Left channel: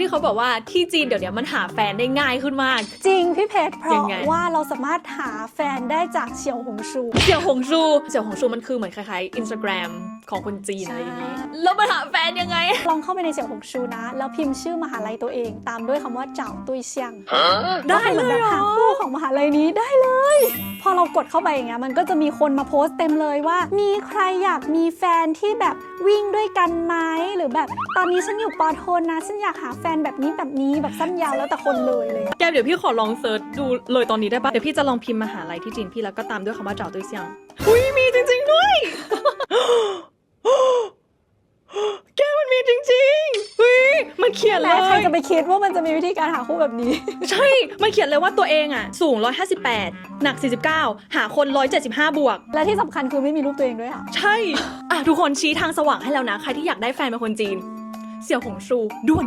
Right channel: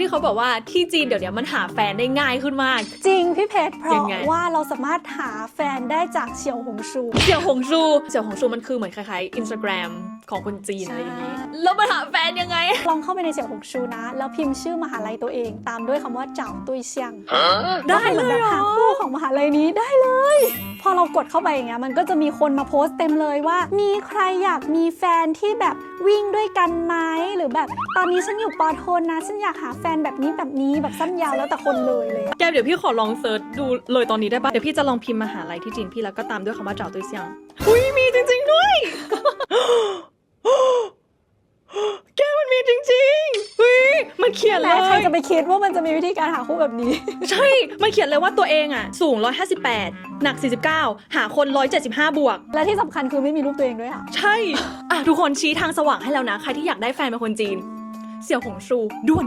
ที่เขาบอกว่าที่จีนเดี๋ยวนี้มันหาแฟนได้ง่ายขึ้นมาก จริงพี่เพชรเพยังราะไงว่าเราสามารถหาแฟนได้จากเฉียวหงชู เสี่ยวหงชูเสี่ยวหงชูมันคือเหมือนคล้ายๆอินสตาแกรมของคนจีนอะไรอย่างนี้ ใช่ แล้วมาหาแฟนยังไง ลองเข้าไปในเฉียวหงชูนะ แล้วพิมพ์ชื่อมหาลัยตัวเอง ตามด้วยคำว่าเจ้าตุยเซียงได้เลยเหรอหมือนแบบหาคู่ ของมหาลัยนี้ได้เลย พอเรากดเข้าไปอย่างเงี้ยมันก็จะมีคนมาโพสต์เต็มเลยว่า มีใครอยากมีแฟนที่แบบวิ่งด้วยกันไหมหรือแบบตอนนี้ฉันอยู่ปอโทนนะฉันอยากหาแฟนแบบนี้แบบนี้แบบสั้นยาวแล้วแต่คนเลยเลย แกเดี๋ยวพี่ขอลองเซิร์ชดูเลยตอนนี้ได้ปะเดี๋ยวพี่จะลองพิมพ์มหาลัยที่จีนพี่แล้วก็ตามด้วยคำว่าเจาตัวเซียงเฮ้ยมีจริงๆด้วย แกมันมีจริงๆเฮ้ยมันเขียนเลแต่ยใครจะไปคิดว่ามันจะมีวิธีการหาคู่แบบนี้ ใช่ มันเขียนเลยว่าตัวเองอะ สูง 158 หนัก 49 หาคน 175 บวก และที่สำคัญคือไม่มีรูปตัวเองด้วยอะ ใช่อะทุกคนชี้ทางสว่างให้เรานะ ใครที่อยากได้แฟนเป็นคนจีน เสี่ยวหงชูด่วน